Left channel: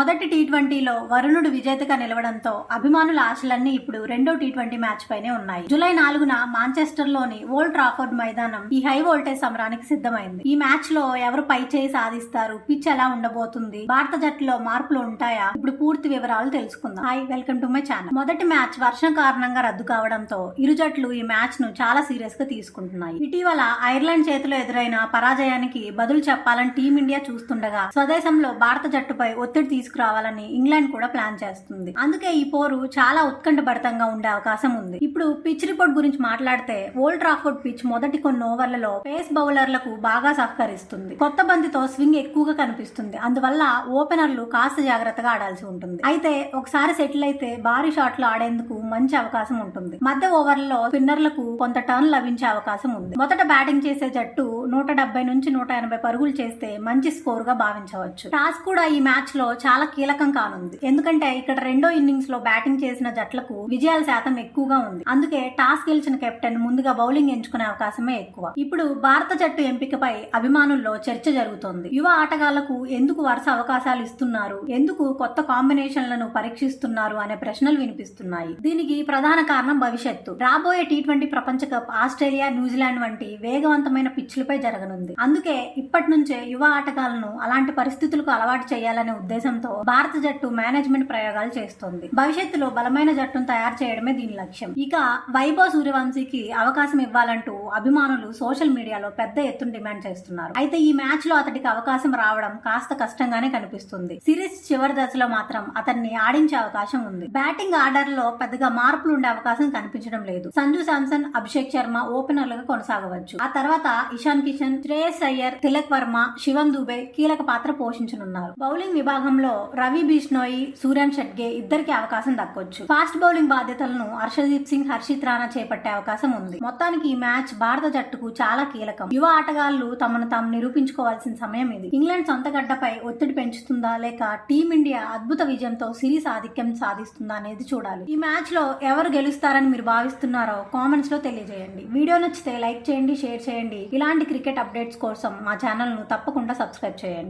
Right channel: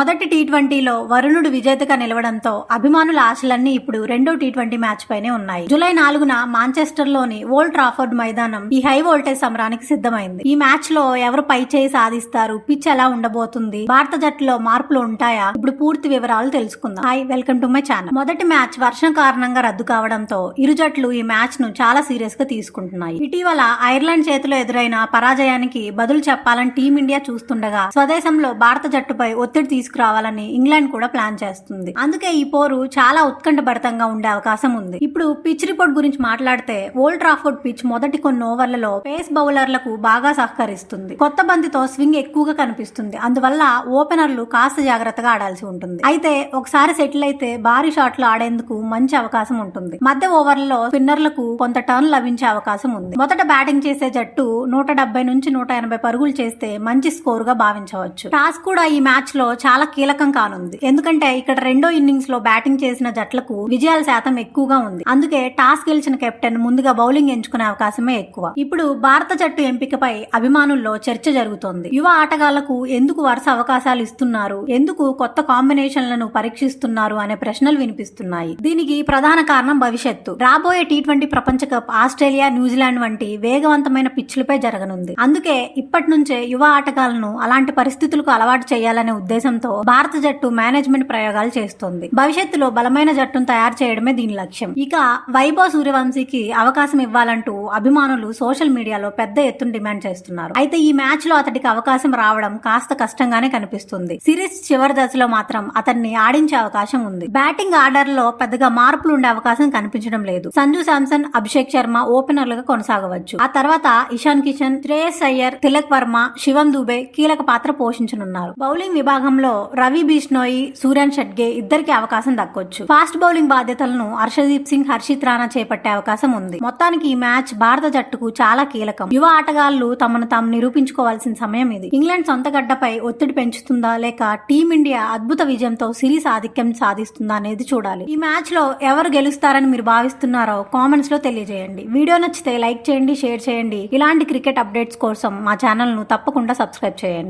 మొదటి టీ20లో వరుణుడు విజేతగా నిలవడంతో అభిమానుల ఆశలన్నీ ఇప్పుడు రెండో టీ20 మ్యాచ్ పైనే ఉన్నాయి. జూలై 4న మాంచెస్టర్ లోని ఓల్డ్ ట్రాఫర్డ్ మైదానం ఈ హై వోల్టేజ్ సమరానికి సిద్ధమైంది. ఈ మ్యాచ్ లో ఎవరు పై చేయి సాధిస్తారు, పిచ్ ఎలా ఉండబోతుంది, భారత జట్టులో మార్పులు ఉంటాయా, ఇప్పుడు పూర్తి వివరాలు తెలుసుకుందాం. Hi, welcome to my channel. మొదటి మ్యాచ్ వర్షం కారణంగా రద్దు కావడంతో ఇరు జట్లు ఈ మ్యాచ్ ను చాలా సీరియస్ గా తీసుకుంటున్నాయి. ఇటీవల ఐర్లాండ్ చేతిలో ఎదురైన పరాజయానికి బదులు చెప్పాలని టీమిండియా చూస్తుండగా స్వదేశంలో భారత జట్టుపై ఒత్తిడి తీసుకురావాలని ఇంగ్లాండ్ కూడా ప్లాన్ చేస్తుంది. అందుకే ఈ పోరు చాలా ఉత్కంఠభరితంగా ఉండే అవకాశం ఉంది. ఇప్పుడు పిచ్ రిపోర్ట్ గురించి మాట్లాడితే ఓల్డ్ ట్రాఫర్డ్ పిచ్ మొదటి కొన్ని ఓవర్లలో పేస్ బౌలర్లకు బాగా సహకరిస్తుంది. కొత్త బంతితో స్వింగ్ ఎక్కువగా కనిపిస్తుంది. అందువల్ల ఓపెనర్లు కాస్త జాగ్రత్తగా ఆడాల్సి ఉంటుంది. అయితే ఒకసారి సెటిల్ అయితే భారీ షాట్లు ఆడేందుకు మంచి అవకాశం ఉంటుంది. మధ్య ఓవర్లలో స్పిన్నర్లకు కొంత టర్న్ లభించే అవకాశం ఉంది. మొదట బ్యాటింగ్ చేసే జట్టు 170 నుంచి 180 పరుగులు చేస్తే మంచి స్కోర్ గా భావించవచ్చు. టాస్ కూడా ఈ మ్యాచ్ లో చాలా కీలకం కానుంది. ఎందుకంటే ఇక్కడ రెండో ఇన్నింగ్స్ లో బ్యాటింగ్ చేసిన జట్లకు విజయాల శాతం ఎక్కువగా ఉంది. అందుకే టాస్ గెలిచిన కెప్టెన్ ముందుగా బౌలింగ్ ఎంచుకునే అవకాశమే ఎక్కువ. ఇప్పుడు భారత జట్టు ఎంపికపై అభిమానుల్లో చర్చ జరుగుతోంది. యువ ఆటగాళ్లకు ఎందుకు వరుస అవకాశాలు ఇస్తున్నారు, ఎందుకు కొత్త కాంబినేషన్లను పరీక్షిస్తున్నారు అనే ప్రశ్నలు వినిపిస్తున్నాయి. దీనికి ప్రధాన కారణం భవిష్యత్తు. రాబోయే టీ20 ప్రపంచ కప్ ఆస్ట్రేలియా, న్యూజిలాండ్ వంటి వేగవంతమైన పిచ్లపై జరగనుంది. అందుకే ఇప్పటి నుంచే యువ ఆటగాళ్లను అలాంటి పరిస్థితులకు అలవాటు చేయాలనే ఉద్దేశంతో భారత జట్టు మేనేజ్మెంట్ ప్రయోగాలు చేస్తోంది. భవిష్యత్తులో బలమైన జట్టును తయారు చేయడమే దీని లక్ష్యం. ఇక వైభవ్ సూర్యవంశీకి అవకాశం ఇవ్వాలంటూ అభిమానులు సోషల్ మీడియాలో పెద్ద ఎత్తున డిమాండ్ చేస్తున్నారు. అయితే ఈ మ్యాచ్ లో అతడికి అవకాశం రావడం కాస్త కష్టంగానే కనిపిస్తుంది. సిరీస్ చివరి దశలో మాత్రం అతన్ని ఆడించే అవకాశం ఉంది. బ్యాటింగ్ ఆర్డర్ లో పెద్దగా మార్పులు ఉండే అవకాశం కనిపించడం లేదు. సంజు శాంసన్, అభిషేక్ శర్మ ఓపెనర్లుగా కొనసాగవచ్చు. ఆ తర్వాత ఇషాన్ కిషన్, శ్రేయస్ అయ్యర్, తిలక్ వర్మ, శివం దుబే కీలక పాత్ర పోషించనున్నారు. బౌలింగ్ విభాగంలో రవి బిష్నోయి, సూర్యన్ షెట్గే ఇద్దరికి అవకాశం దక్కొచ్చు. ఫాస్ట్ బౌలింగ్ బాధ్యతలను హర్షదీప్ సింగ్, హర్షిత్ రాణా చేపట్టే అవకాశం ఉంది. మొత్తానికి ఈ మ్యాచ్ భారత జట్టుకు చాలా కీలకం. యువ ఆటగాళ్లు తమను తాము నిరూపించుకోవాల్సిన సమయం ఇది. ఇంగ్లాండ్ సొంత గడ్డపై ఒత్తిడి పెంచుతుందా లేక టీమిండియా అద్భుత విజయంతో సిరీస్ ఆధిక్యం సాధిస్తుందా అనేది చూడాలి. ఈ మ్యాచ్ లో ఎవరు గెలుస్తారని మీరు భావిస్తున్నారో కామెంట్స్ లో తెలియజేయండి. వీడియో నచ్చితే లైక్ చేయండి, షేర్ చేయండి. ఇలాంటి క్రికెట్ అప్డేట్స్ కోసం మా ఛానల్ ను తప్పకుండా సబ్స్క్రైబ్ చేయండి.